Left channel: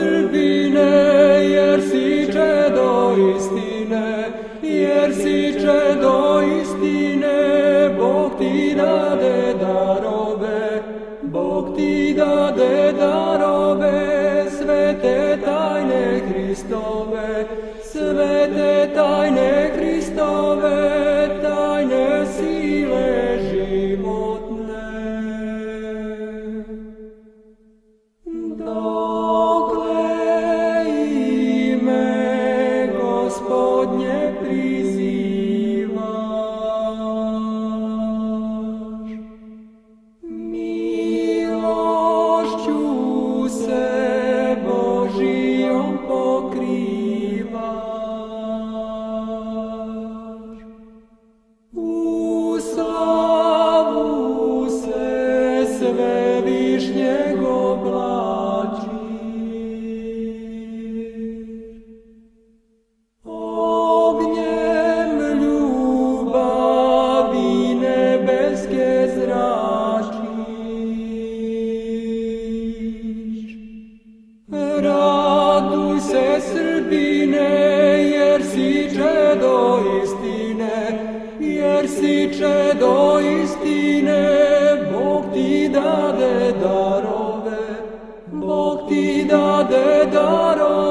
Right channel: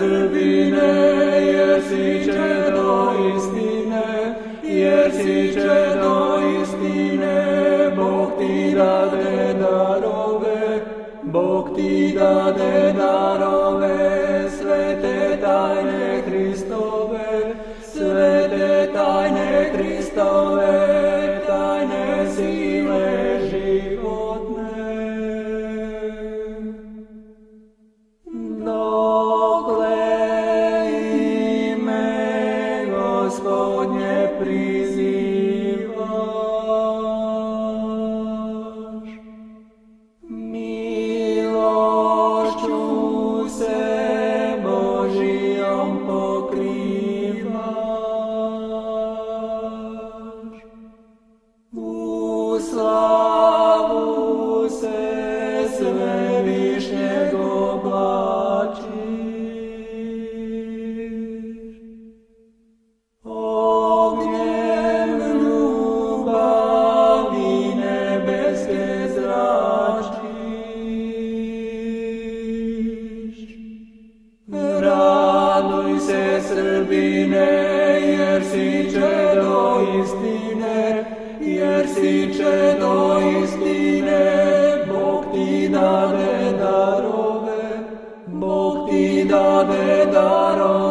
Srbine, jer si čedo istine, jer si čedo istine, Bog ti dade darove, Bog ti dade darove, svete tajne Hristove, svete tajne Hristove, tajne sile životne. Dokle ime Gospodnje prizivaš, milošću se Božijom pokrivaš, u slavu se svevišnjeg oblačiš, ognjem ljubavi nebeske zračiš. Raduj se, Srbine, jer si čedo istine, jer si čedo istine, Bog ti dade darove, Bog ti dade darove.